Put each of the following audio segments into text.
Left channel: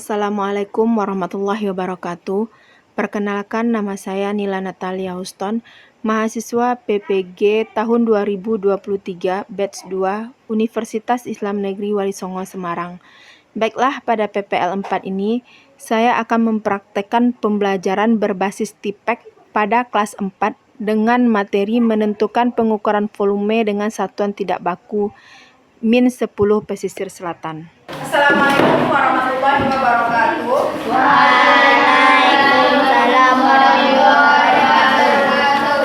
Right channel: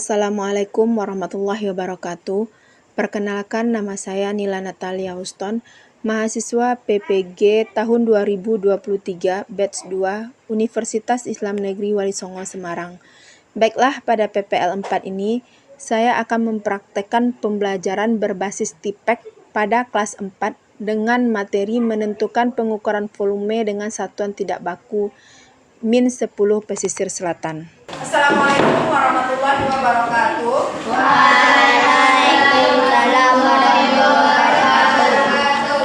Assalamualaikum warahmatullahi wabarakatuh. Perkenalkan, nama saya Nila Natalia Houston, mahasiswa PPG tahun 2023 batch 2 Universitas Islam Negeri Wali Songo Semarang. Baiklah, pada PPL 4 ini saya akan mempraktekkan pembelajaran berbasis TIPEK pada kelas 4 dengan materi menentukan pengukuran volume dengan satuan tidak baku min 10 pesisir selatan. Assalamualaikum warahmatullahi wabarakatuh. Waalaikumsalam warahmatullahi wabarakatuh.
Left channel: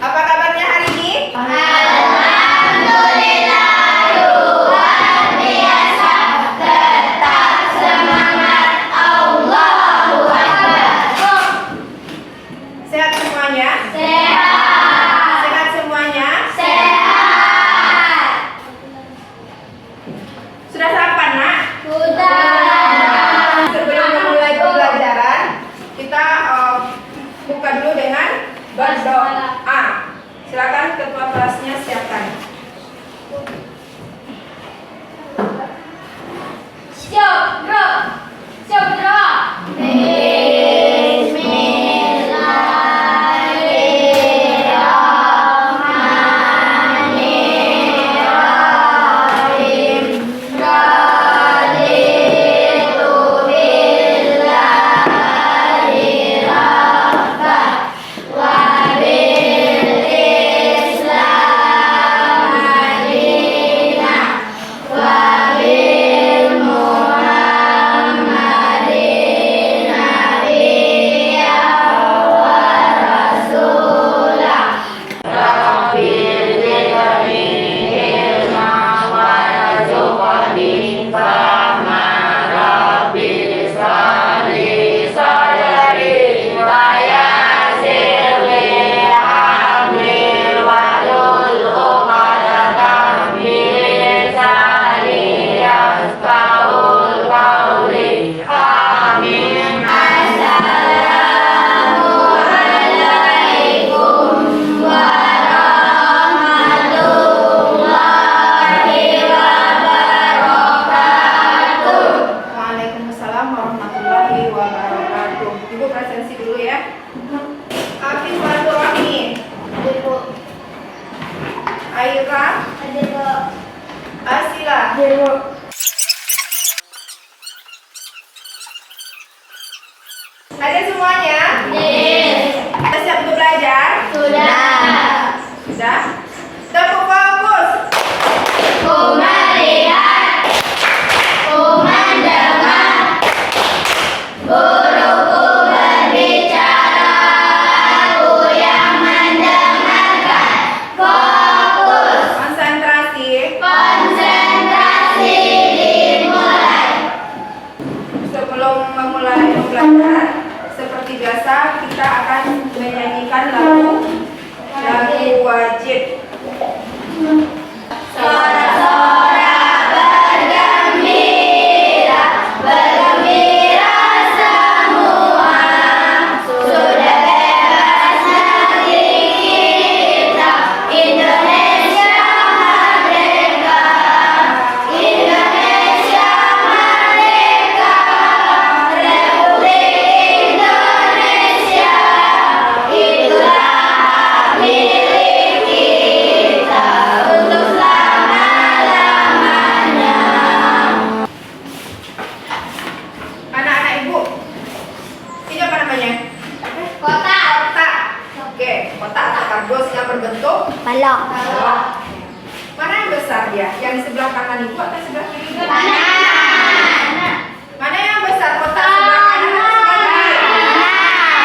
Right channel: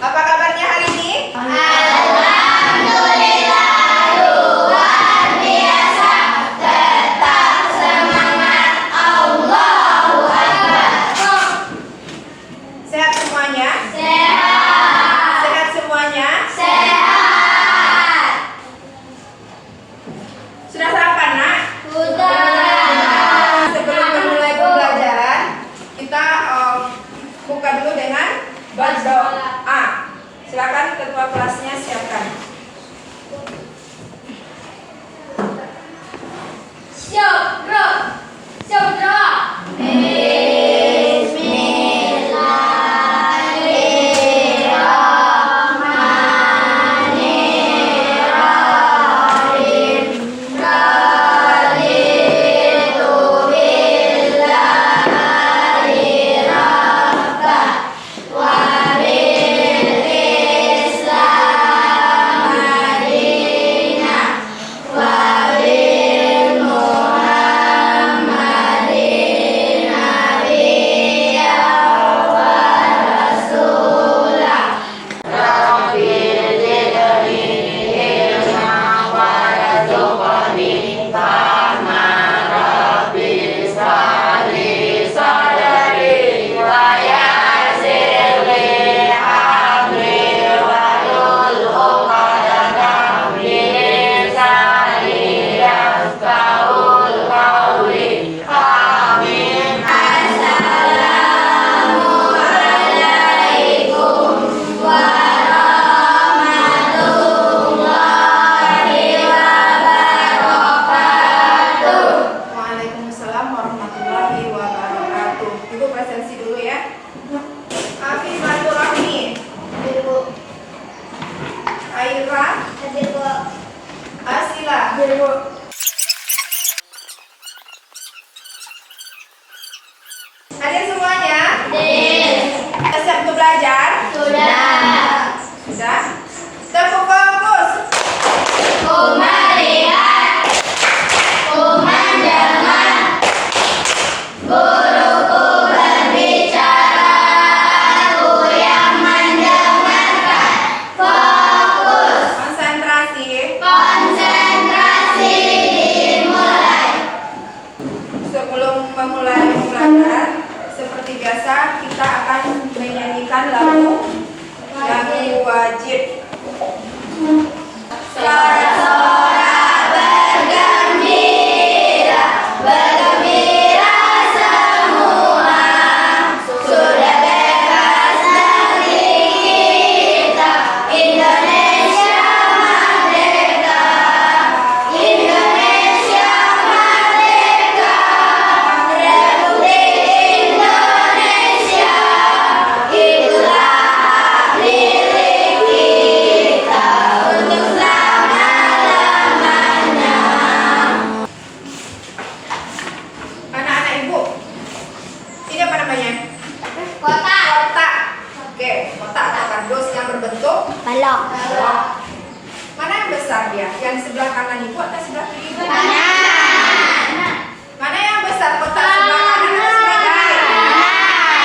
Apa kabarnya hari ini? Alhamdulillah, luar biasa. Tetap semangat, Allahu Akbar. Sehat semuanya? Sehat. Sehat semuanya? Sehat. Sudah sarapan, Nak? Sudah. Sebelum memulai pembelajaran, kita buka dulu dengan berdoa. Silakan ketua kelasnya siapkan. Siap, bro. Siap, bro. Waalaikumsalam warahmatullahi wabarakatuh. Ibu presensi dulu ya. Afif Rahmi, Aira, Asila. Ada semuanya? Siap untuk belajar? Sudah. Sudah? Tepuk fokus. Ku melihat, ku mendengar, guruku berbicara, aku yang mendengarkan. Fokus, Konsentrasi. konsentrasi dimulai. Sebelum memulai pembelajaran, seperti biasa kita akan menyanyikan lagu wajib. Sorak-sorak bergembira, bergembira semua. Sudah bebas negeri kita, Indonesia merdeka. Indonesia merdeka, Republik Indonesia. Itulah hak milik kita untuk selama-lamanya. Anak-anak ibu, ini apa namanya? Kota. Kotak. Oke, kotak atau kardus yang berbentuk Balok. balok. Mana yang besar dia? Yang di sebelah kanan ibu atau sebelah kiri ibu? Kanan. Mana yang besar, kotak sebelah kanan atau sebelah kiri? Kanan.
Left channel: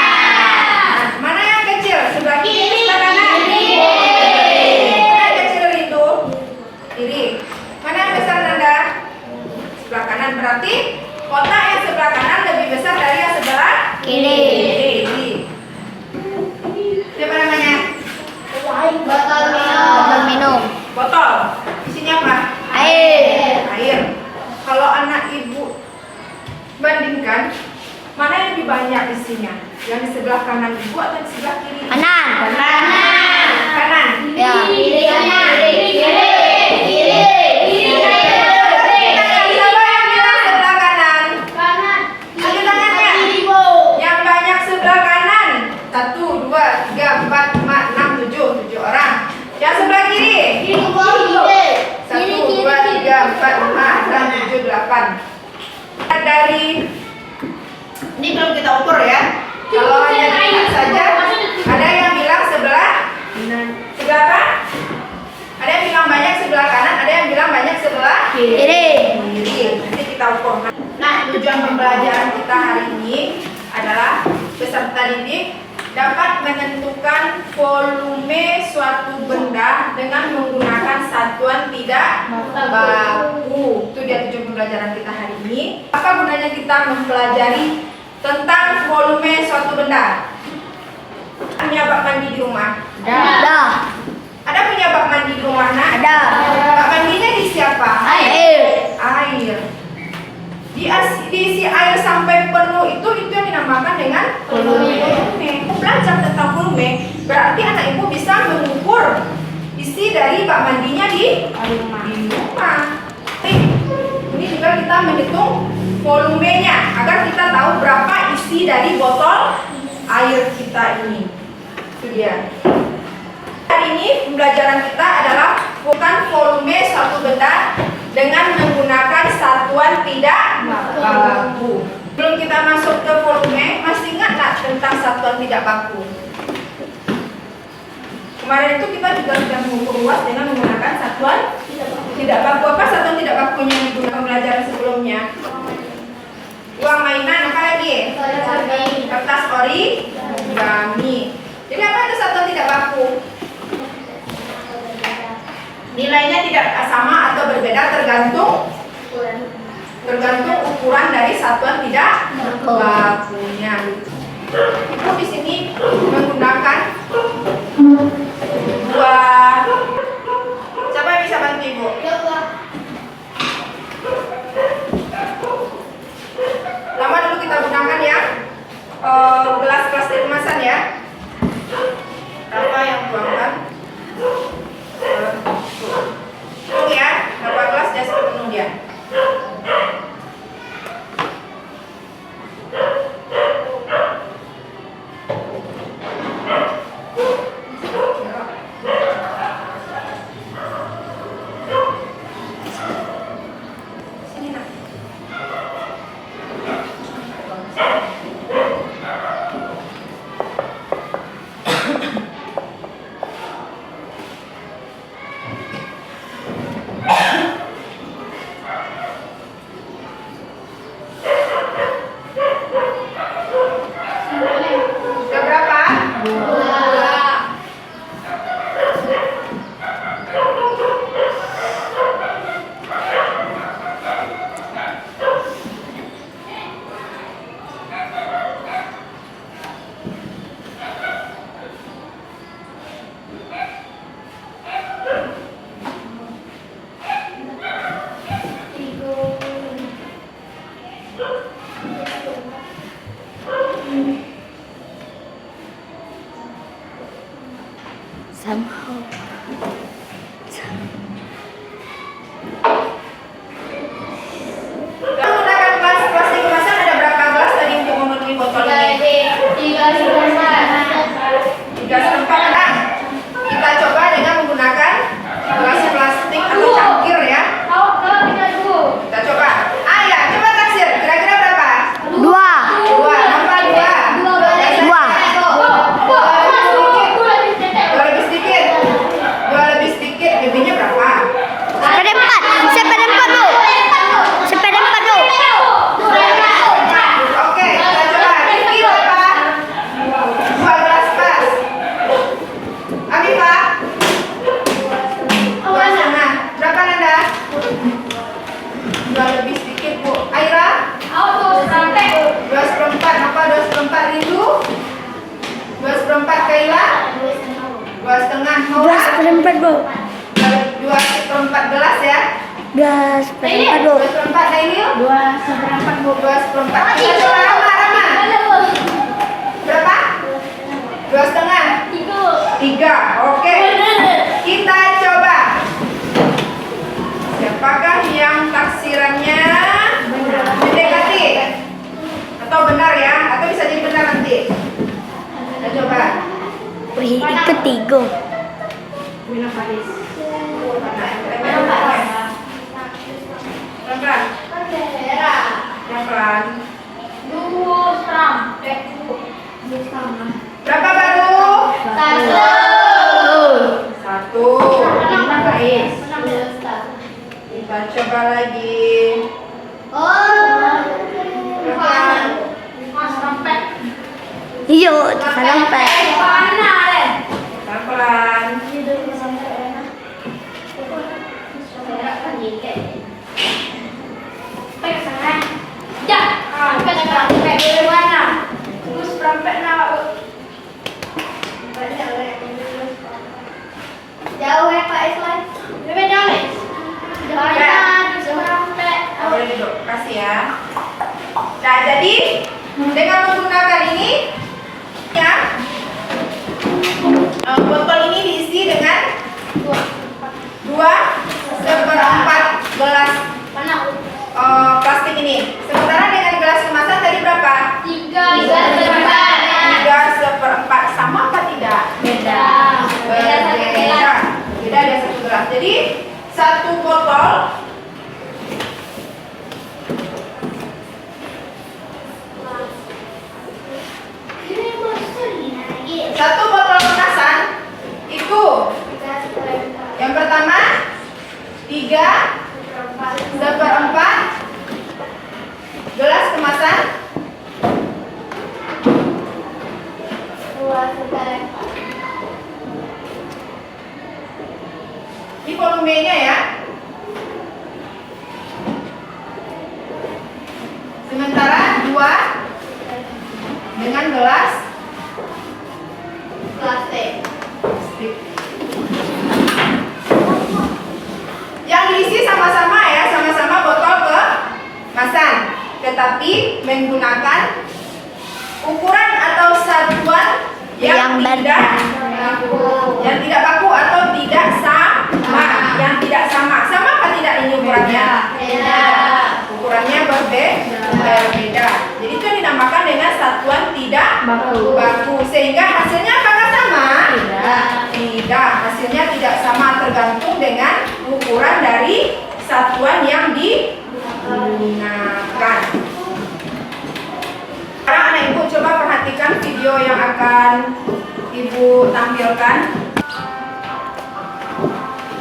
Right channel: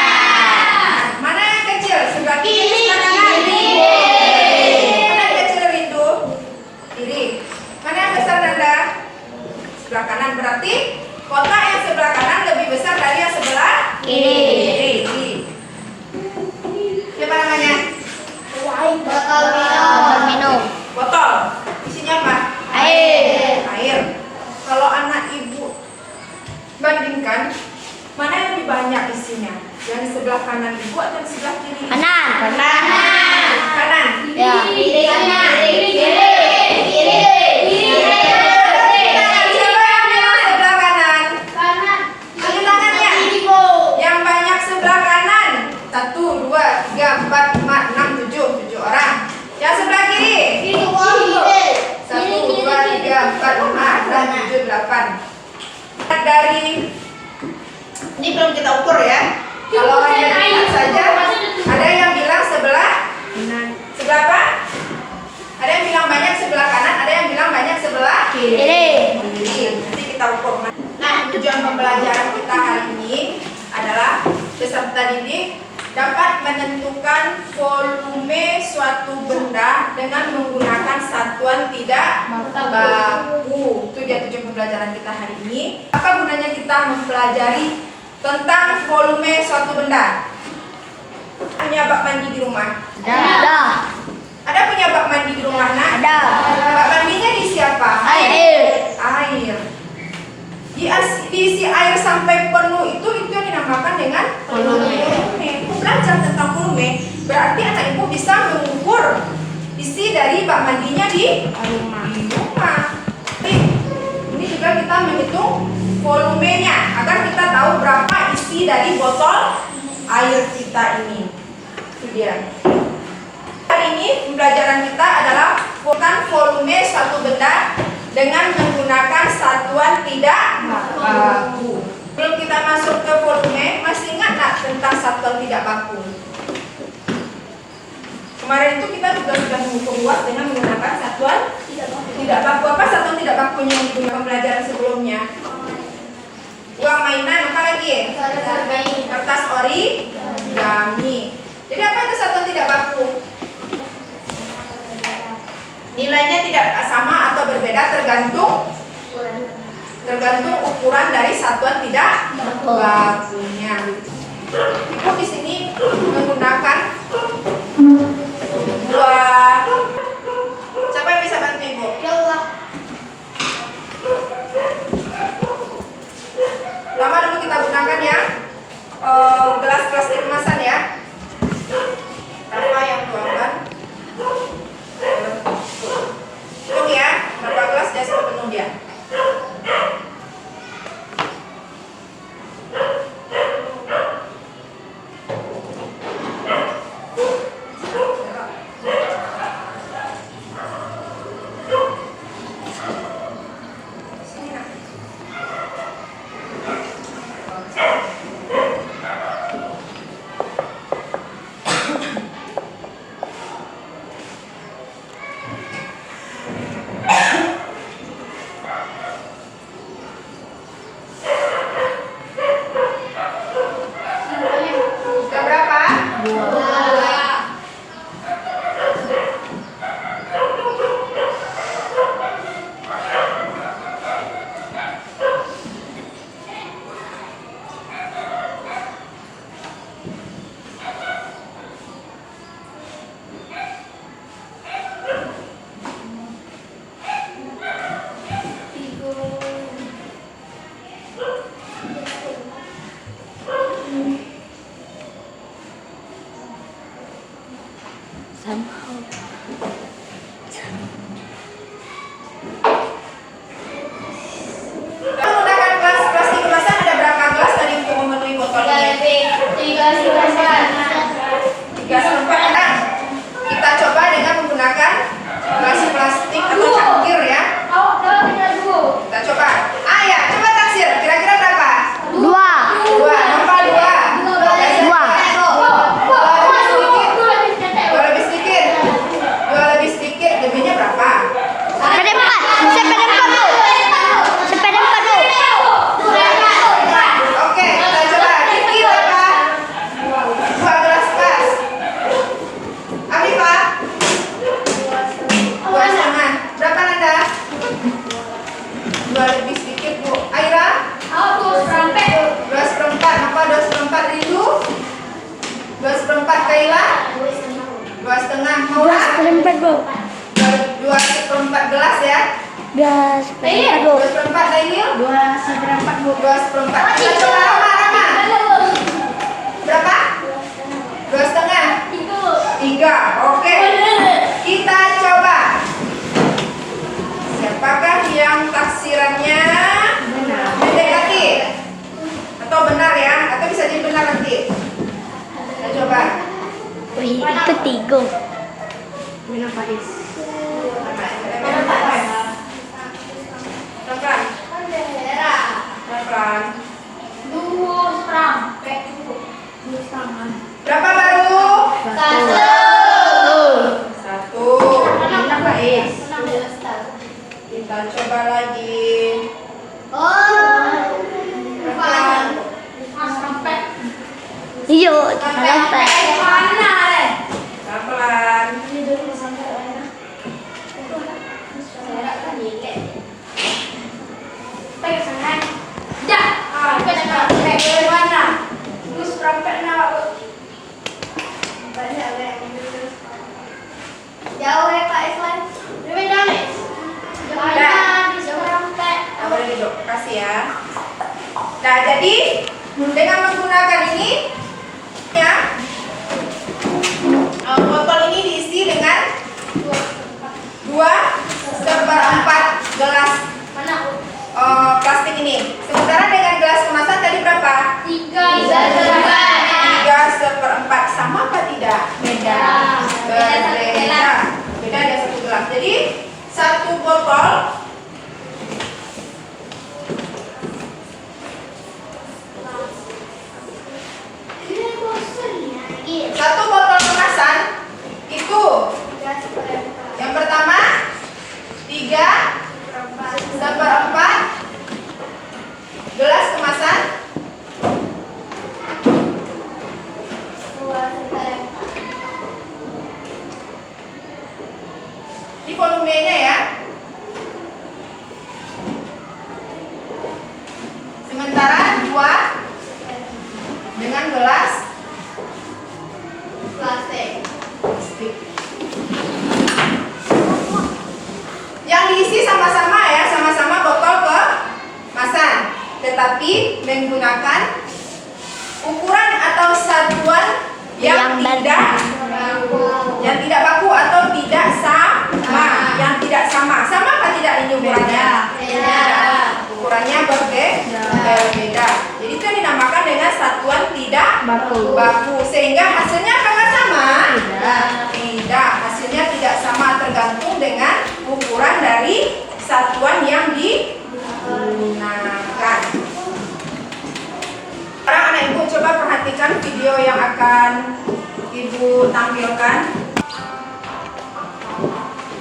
Mana yang kecil, sebelah kiri atau sebelah kanan? Mana yang kecil itu? Kiri. Mana yang besar, Nanda? Sebelah kanan. Berarti kotak yang sebelah kanan lebih besar dari yang sebelah Kiri. kiri. Ini apa namanya? Botol minum. Botol. Isinya apa? Air. Air. Kalau anak ibu bandingkan, mana yang lebih banyak isinya? Yang di sebelah kanan ibu atau di sebelah kiri? Kanan. Kanan. Ya. Kiri. Siapa yang bilang sebelah kanan? Dari ini belum kita ukur ya. Kalau hanya dilihat saja, ada yang bilang sebelah apa? Ada yang bilang banyak sebelah kanan, ada yang bilang banyak sebelah Kiri. Nanti kita ukur. Nah, tujuan pembelajaran kita hari ini adalah peserta didik dapat menentukan volume suatu benda dengan menggunakan satuan tidak baku. Itu dia tujuan pembelajaran kita hari ini. Apa gunanya kita mempelajari tentang volume suatu benda? Punya bak mandi di rumah? Ada. Ada punya bak mandi di rumah, nak? Ada. Bak mandinya diisi apa? Air. Air. Diisi air sampai penuh itu yang dinamakan dengan volume. Belajar tentang volume berarti anak ibu bisa mengukur isi dari bak mandinya di rumah. Ini juga kita menghitung volumenya agar kita tahu berapa isi dari botol air kita ini. Itu dia. Hari ini pembelajaran kita adalah bukan volume suatu benda dengan menggunakan satuan tidak baku. Belum kita masuk ke volume, masih ingat nggak tentang satuan tidak baku? Kemarin itu kita juga sudah mengukur luas dengan menggunakan satuan tidak baku. Apa satuan tidak bakunya yang digunakan pembelajaran sebelumnya? Uang mainan, apa lagi? Kertas origami. Jadi apa itu satuan tidak baku? Nilainya tidak sama atau berbeda tergantung ukuran dari satuan tidak bakunya. Ibu di sini menggunakan dua. Siapa yang bisa bantu ibu? Lama dulu kita gunakan ya gelas plastik kemasan ya. Berapa yang tuangkan? Hitung ya, berapa gelas sudah sepenuh dia. Sini nak. Sudah berapa? Somehow. Menggunakan gelas plastik kemasan ada berapa gelas tadi untuk memenuhi botol ini? 3/4. Nah, kita coba dengan menggunakan gelas plastik atau cangkir ya. Kita coba. Ya, coba taksir. Kira-kira berapa? 2. 2. Nomor 2. 2 lebih sedikit. 2 lebih sedikit. Lebihnya berapa? Seperempat. Seperempat tuh. Seperempat tuh. Oke, kita coba. Tinggi berapa? 2 gelas pas. Afifah? 2,5. Berapa Nanda? 2 lebih sedikit Bu. Aira? 2/4. Apa 2/4 Rindu? 2/4 Kaila? 2,5 Maura? Seperempat, Bu. 2/4 gelas ya? 2/4, Bu. 2/4 Nailil? 2/4, Bu. 2/4. Kita coba Rama. Berapa? 2,5. 3. Oke. Kita coba. Siapakah yang taksirannya mendekati? Atau benar ya? Atau bisa jadi benar nanti? Kita coba. Wih, itu 3. Minum Faiz. Pelan-pelan. Pelan-pelan. Berapa baru? Satu. Baik. Kita coba lagi. Pelan. Iya, sampai. Pelan-pelan. Jauh ya Pak Iswan. Nah, boleh duduk. Kasih ya. Nah, jadi dengan menggunakan ini, ya, botol ini diisi dengan 2/4 gelas plastik ini. Sementara dengan gelas kemasan tadi berapa? 3/4. Sama apa tidak? Beda. Berbeda. Beda ada satu gelas. Jadi satu botol kemasan itu yang pertama 3/4 gelas kemasan. Ini volumenya ya. Sementara 2 dengan gelas plastik. Yang diisi sama-sama ya, sama-sama botol kemasan, tetapi menggunakan ukuran atau satuan yang tidak baku atau tidak sama, yang tidak sama. Sama apa tidak ini ukurannya? Ukurannya berbeda. Jadi itu yang dinamakan dengan satuan tidak baku. Sehingga hasilnya apakah sama? Tidak. Hasilnya tidak sama, tergantung dengan ukuran dari satuan yang digunakan. Sekarang anak ibu coba perhatikan video yang akan ibu tampilkan.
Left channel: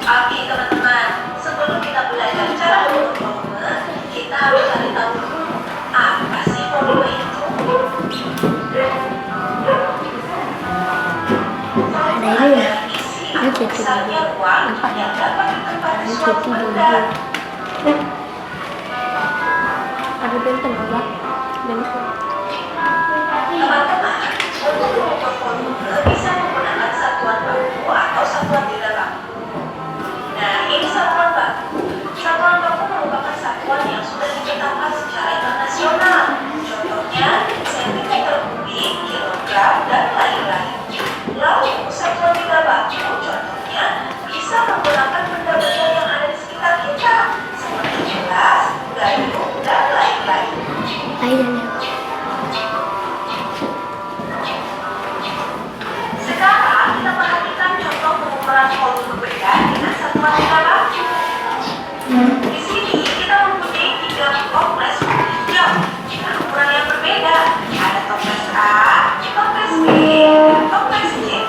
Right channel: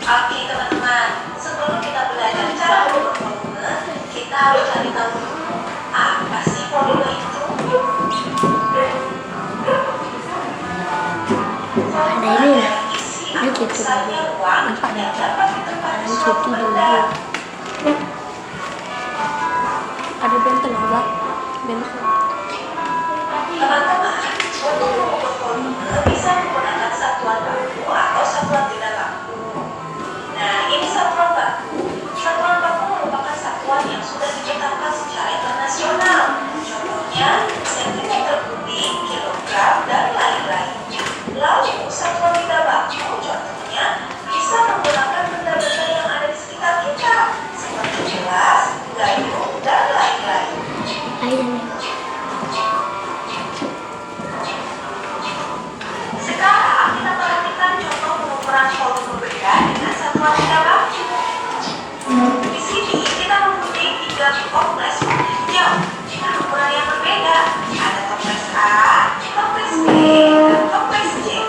Oke teman-teman, sebelum kita belajar cara mengukur volume, kita harus cari tahu dulu apa sih volume itu. Volume adalah isi atau besarnya ruang yang dapat ditempati suatu benda. Teman-teman, untuk mengukur volume bisa menggunakan satuan baku atau satuan tidak baku. Nah, ini satuan baku. Satuan baku merupakan satuan yang sudah ditetapkan secara internasional. Contohnya, sentimeter kubik, kilogram, dan lain-lain. Lalu, satuan tidak baku contohnya bisa menggunakan benda-benda yang ada di sekitar kita, seperti gelas, gayung, dan lain-lain. Sekarang kita perhatikan contoh pengukuran volume benda dengan satuan tidak baku. Di sini kita mempunyai 3 toples warna hijau dengan ukuran yang berbeda. Ada toples A, toples B, dan toples C.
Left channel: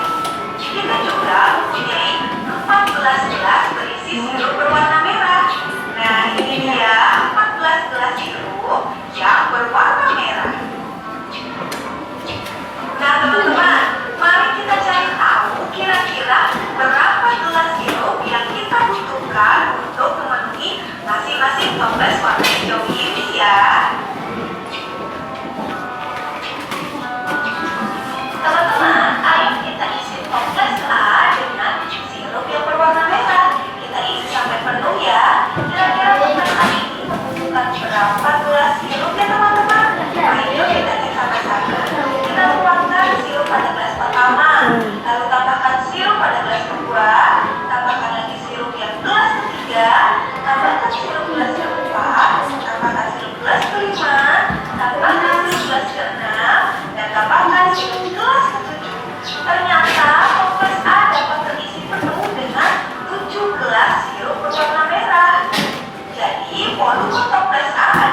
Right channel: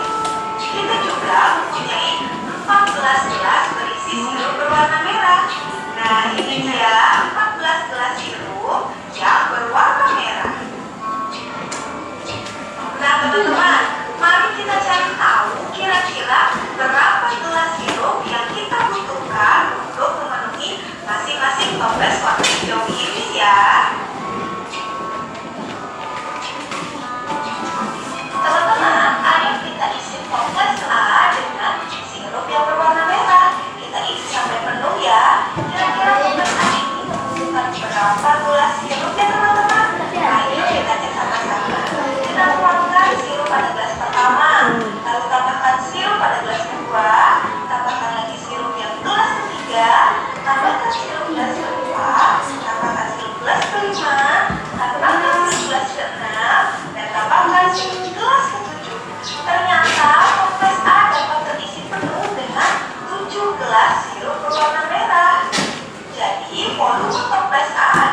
Kita juga mempunyai 14 gelas berisi sirup berwarna merah. Nah, ini dia 14 gelas sirup yang berwarna merah. Nah, teman-teman, mari kita cari tahu kira-kira berapa gelas sirup yang kita butuhkan untuk memenuhi masing-masing toples warna hijau ini ya. Teman-teman, ayo kita isi toples A dengan sirup yang berwarna merah. Kita isi sampai penuh ya. Kira-kira toples A ini membutuhkan berapa gelas sirup ya teman-teman? Ayo kita cek sama-sama. Kita tuangkan sirup pada gelas pertama, lalu tambahkan sirup pada gelas kedua, tambahkan lagi sirup yang gelas ketiga, tambahkan sirup gelas keempat, tambahkan sirup gelas kelima, tambahkan sirup gelas keenam, dan tambahkan sirup gelas ketujuh. Ternyata toples A dapat terisi penuh dengan 7 gelas sirup berwarna merah. Jadi volume toples A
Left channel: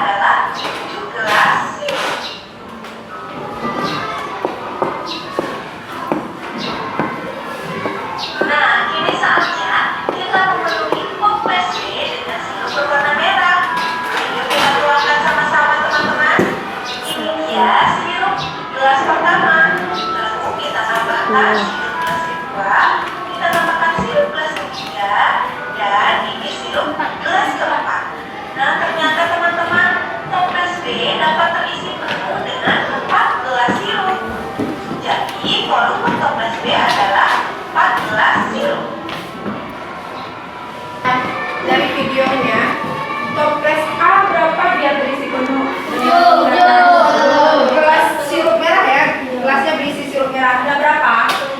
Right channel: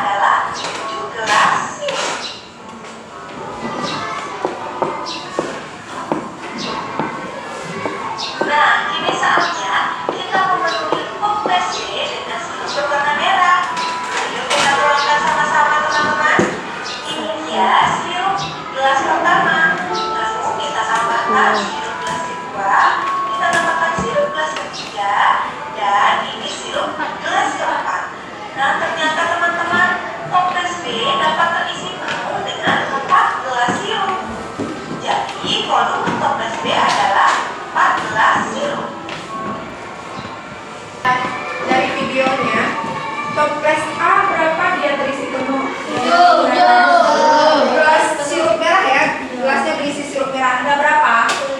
adalah sirup gelas kedua, kita tambahkan sirup gelas ketiga, dan ini sirup gelas keempat. Nah, ternyata teman-teman, toples B dapat terisi penuh dengan 4 gelas sirup. Jadi, volume toples B adalah 4 gelas sirup. Dari videonya, toples A berapa dia terisi penuh? 7. Gelas sirup merah ya, gelasnya berisi sirup merah. Ada berapa?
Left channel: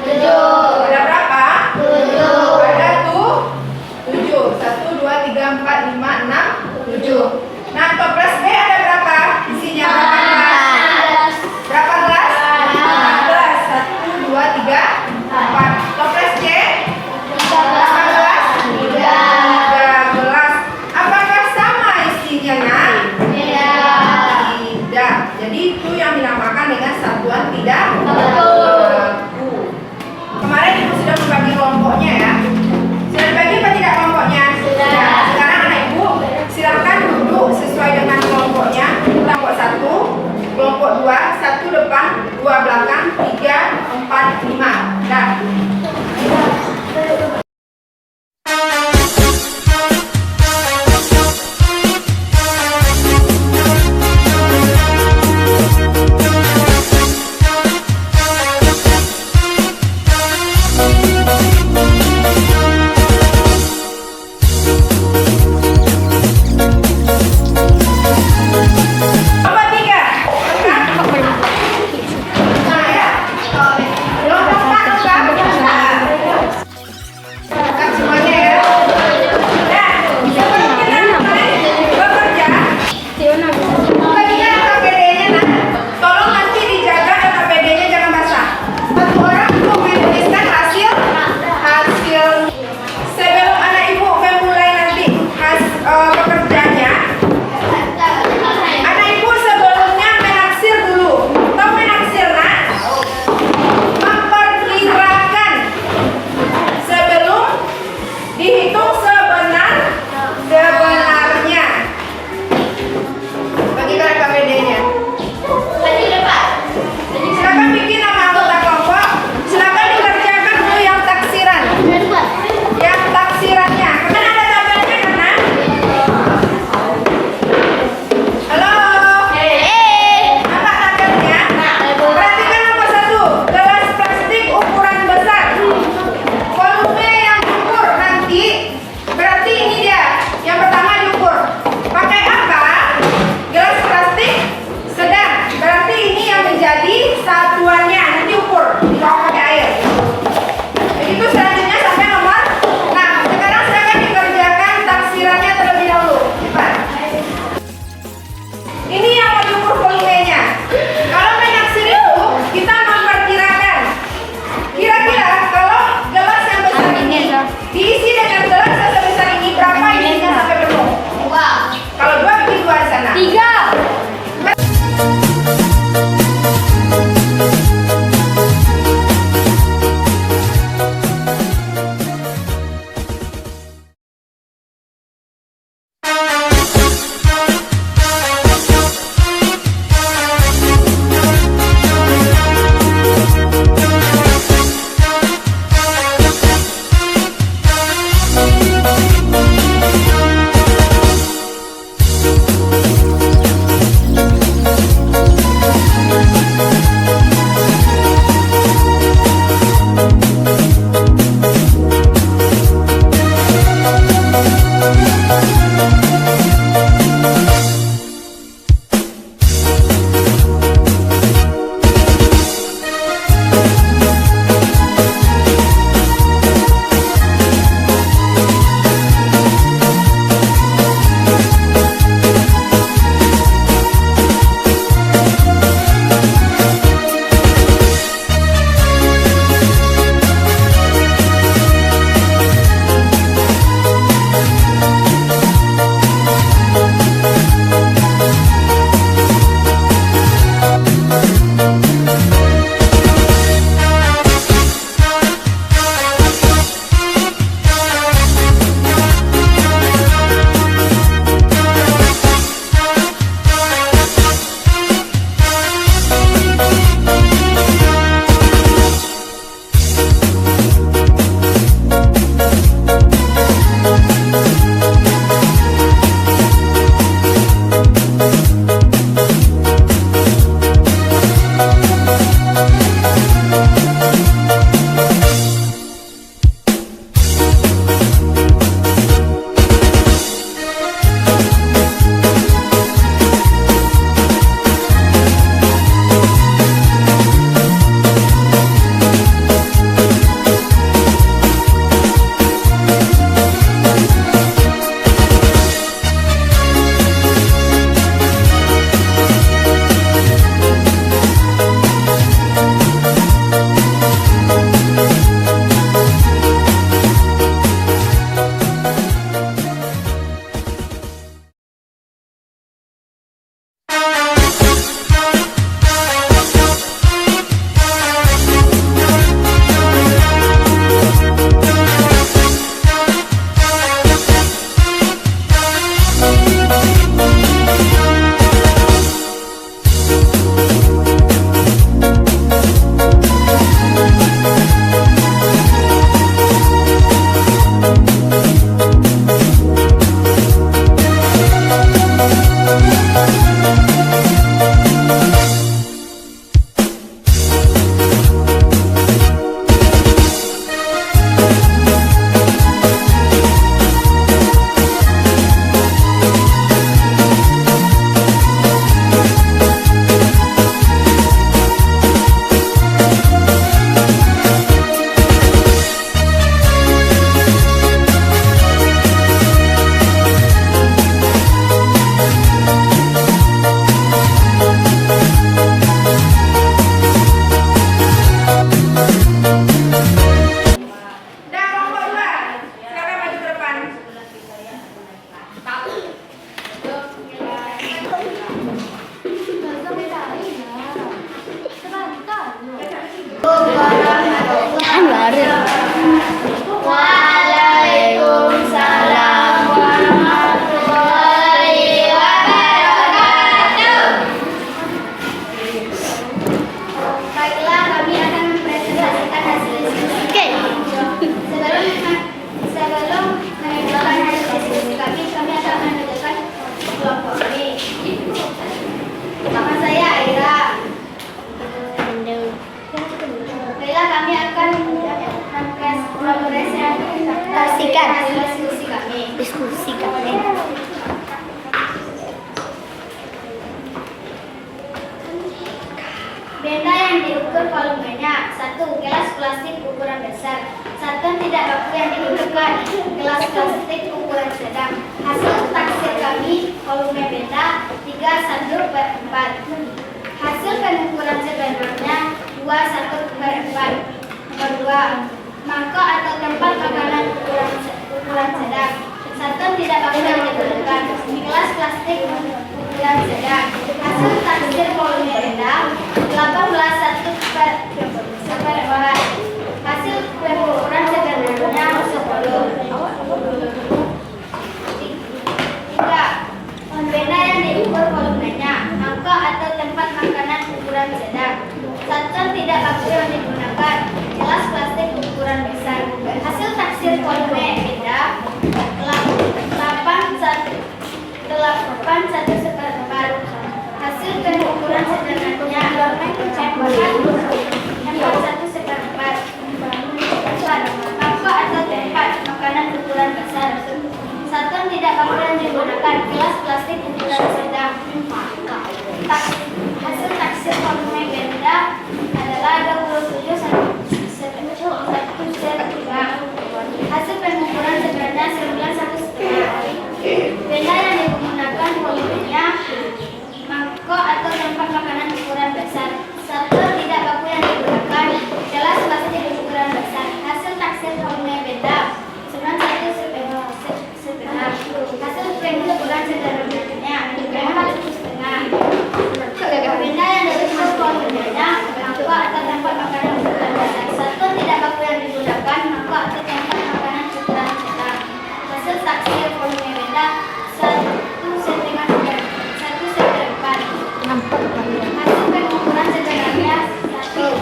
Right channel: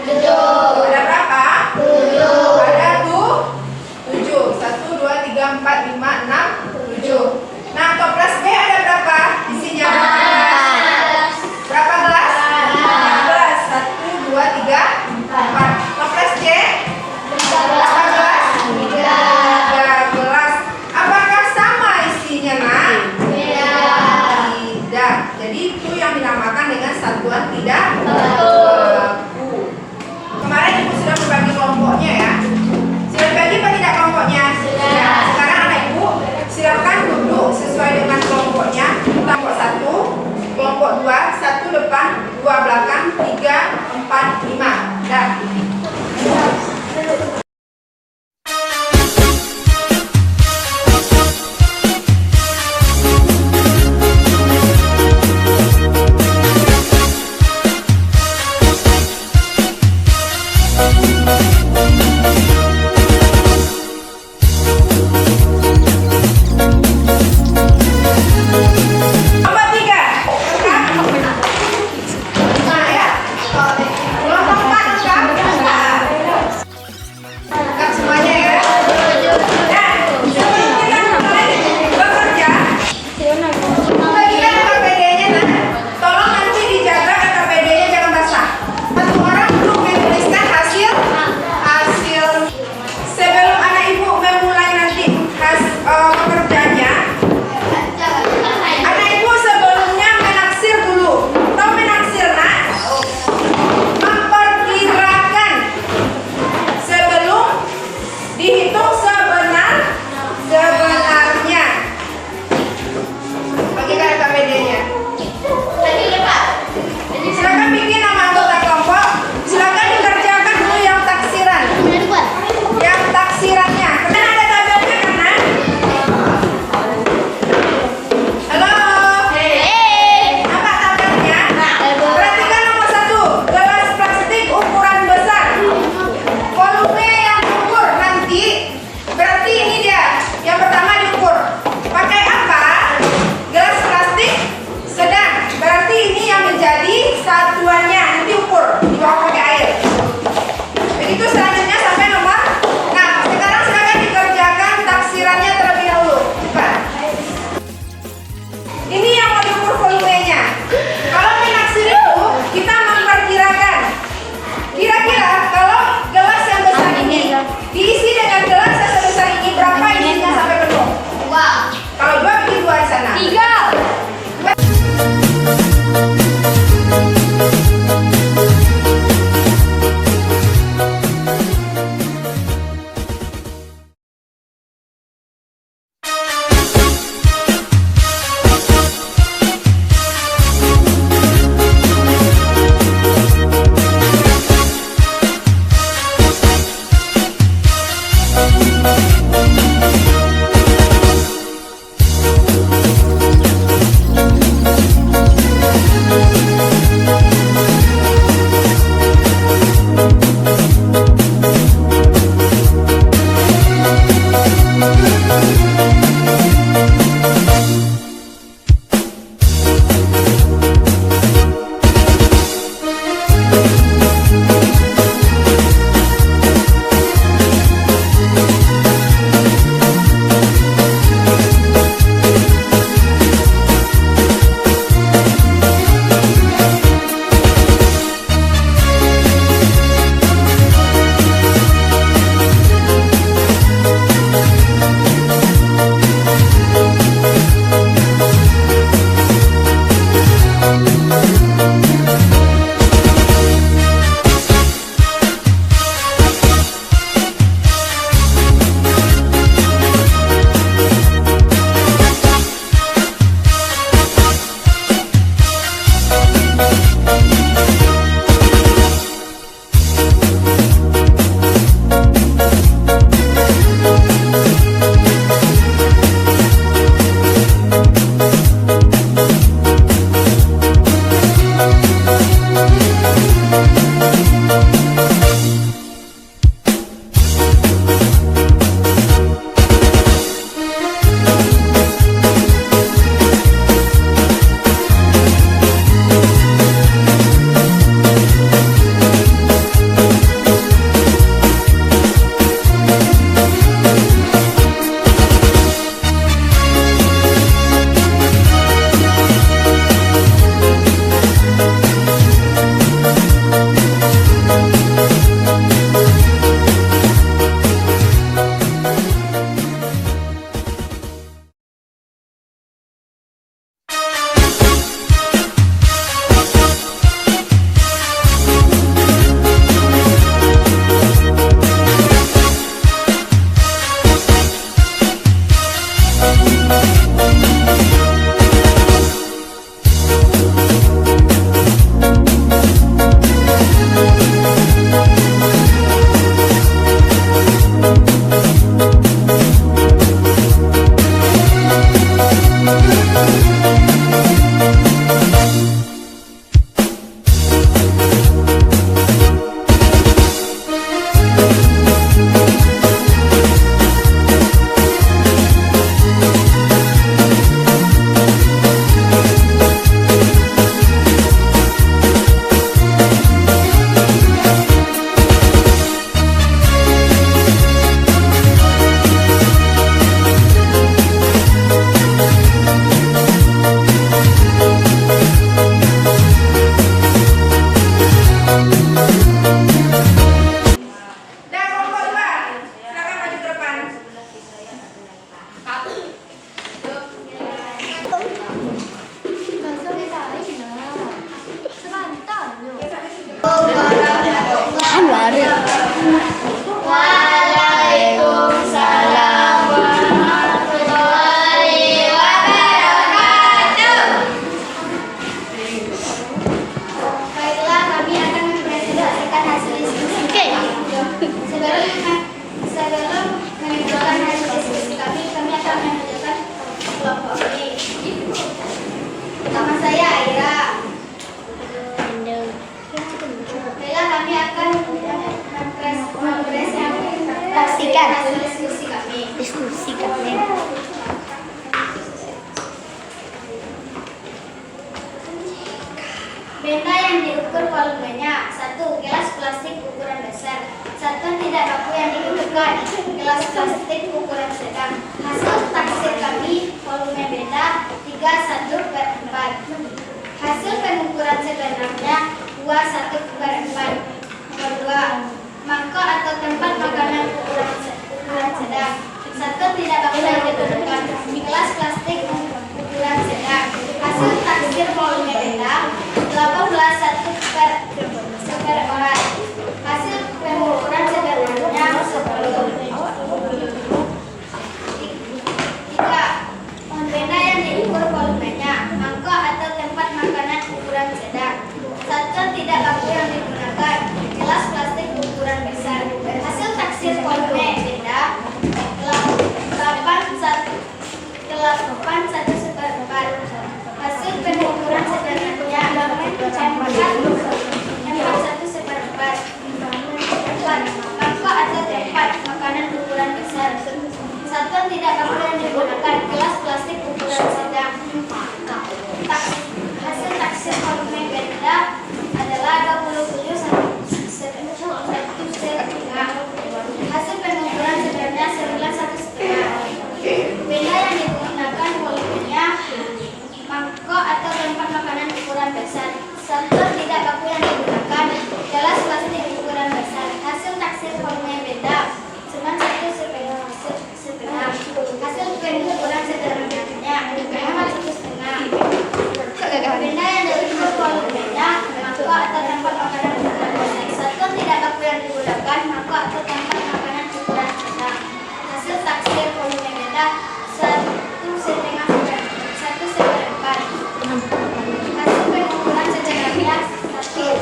7. Ada berapa? 7. Ada tuh 7. 1, 2, 3, 4, 5, 6, 7. Nah, toples B ada berapa? Isinya berapa gelas? Berapa gelas? 4 gelas. 1, 2, 3, 4. Toples C berapa gelas? 3 gelas. Apakah sama isinya, Nak? Tidak. Jadi itu yang dinamakan dengan satuan tidak berlaku. Kemarin Ibu sudah membagi kelompoknya ya. Sudah dibagi apa tidak kelompoknya? Sudah. Sekarang anak Ibu silakan duduk sesuai dengan kelompoknya. Kelompok 1, kelompok 2, 1 depan, 2 belakang, 3, 4, 5. Dah. Kelompok 3. Nah ya. Kelompok 4. Waalaikumsalam warahmatullahi wabarakatuh. Baiklah, kami akan mempresentasikan hasil diskusi. Sebelum menunjukkan hasil diskusi kami akan menunjukkan kelompok B. Nama saya Aira. Baiklah, kami akan mempresentasikan hasil diskusi kami. Benda yang diukur volumenya. 1. Gelas plastik ukuran besar. 1. Tidak baku yang digunakan. Gelas plastik ukuran sedang. Hasil taksir kami volume benda 3/1/4. Hasil pengukuran sebenarnya 2/1/4. Nomor 2. Mangkok atau tempat makanan ukuran sedang. 1. Tidak baku yang digunakan. Gelas plastik ukuran sedang. Hasil taksir volume benda 18/1/4. Hasil pengukuran sebenarnya 10. 3. Benda yang diukur volumenya. Mangkok atau tempat makanan ukuran sedang. 1. Tidak baku yang digunakan. Gelas plastik ukuran besar. Hasil taksir volume benda 8/1/4. Hasil pengukuran sebenarnya 4/1/4. 4. Mangkok atau tempat makanan ukuran besar. 1. Tidak baku yang digunakan. Gelas plastik ukuran sedang. Hasil taksir volume benda adalah 27/1/3. Hasil pengukuran sebenarnya 9/1/2. Benda yang digunakan volumenya mangkok atau tempat makanan ukuran besar. 1. Tidak baku yang digunakan. Gelas plastik ukuran besar. Hasil taksir volume benda 9/1/2. Hasil pengukuran sebenarnya 4/1/2. Benda yang diukur volumenya mangkok atau tempat makanan ukuran besar. 1. Tidak baku yang digunakan. Mangkok atau tempat makanan ukuran sedang. Hasil taksir volume benda 1/2/4. Hasil pengukuran sebenarnya 1.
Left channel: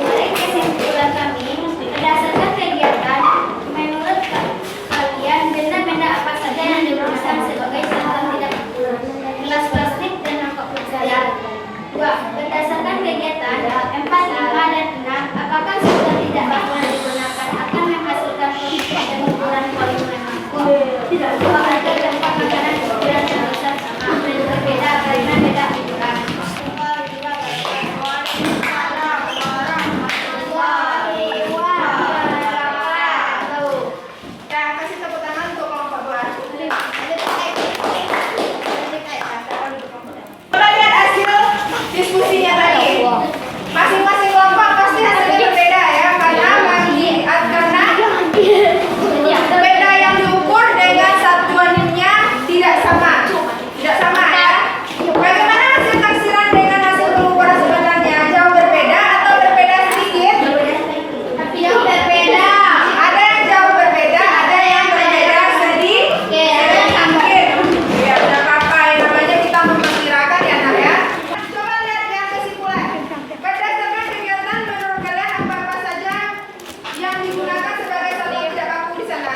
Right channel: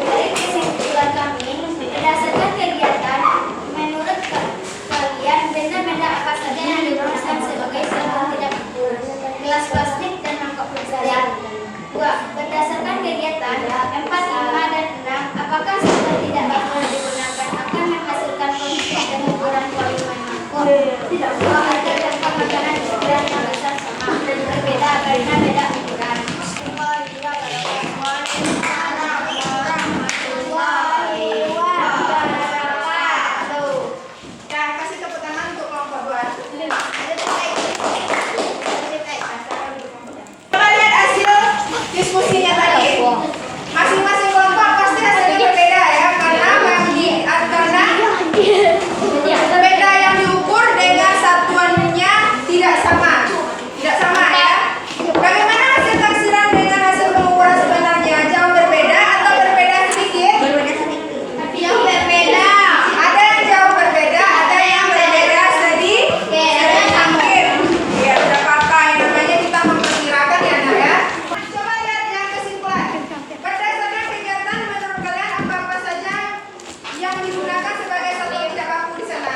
Dari kesimpulan kami, berdasarkan kegiatan, menurut kalian benda-benda apa saja yang digunakan sebagai sasaran tidak baku? Gelas plastik dan mangkok plastik. 2. Berdasarkan kegiatan 4, 5, dan 6, apakah sasaran tidak baku yang digunakan akan menghasilkan dan ukuran volume mangkok? 2. Ada tempat makanan ukuran yang besar sama berbeda karena beda ukuran. Kasih tepuk tangan untuk kelompok 2. Coba lihat hasil diskusinya tadi. Masing-masing kelompok pasti hasilnya berbeda ya, karena benda yang diukur dengan satuannya tidak sama. Tidak sama ya. Bagaimana hasil taksiran dengan hasil pengukuran sebenarnya? Jauh berbeda atau berbeda sedikit? Berbeda. Ada yang jauh berbeda, ada yang berbeda sedikit. Ya, tidak apa-apa. Yang namanya kita memperkirakan ya, Nak ya. Coba lihat yang kesimpulan. Berdasarkan kegiatan, menurut kalian apa-apa saja yang digunakan sebagai satuan tidak baku di sana?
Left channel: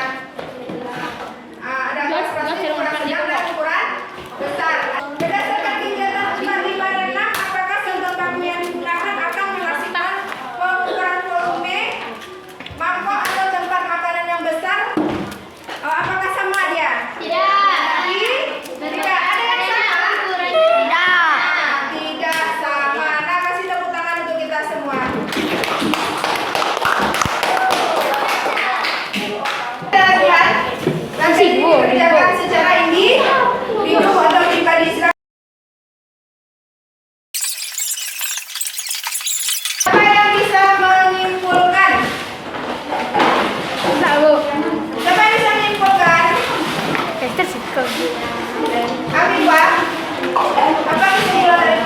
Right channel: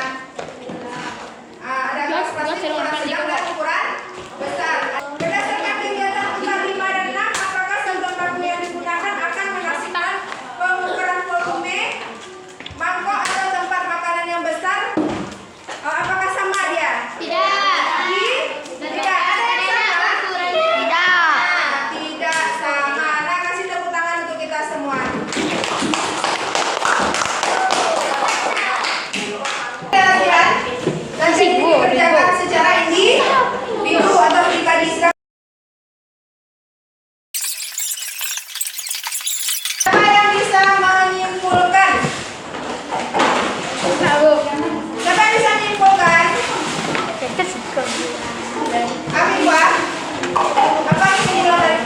Ada gelas plastik ukuran sedang dan ukuran besar. Berdasarkan kegiatan 4, 5, dan 6, apakah satuan baku yang digunakan akan menghasilkan pengukuran volume mangkok atau tempat makanan yang besar? Apakah sama dia? Tidak. Ada yang sama? Tidak sama. Nah, kasih tepuk tangan untuk kita semua. Latihan nanti ini dikerjakan secara individu atau pribadi. Siapa yang bisa menyimpulkan? Siapa yang bisa menyimpulkan? Afifah, apa kesimpulan dari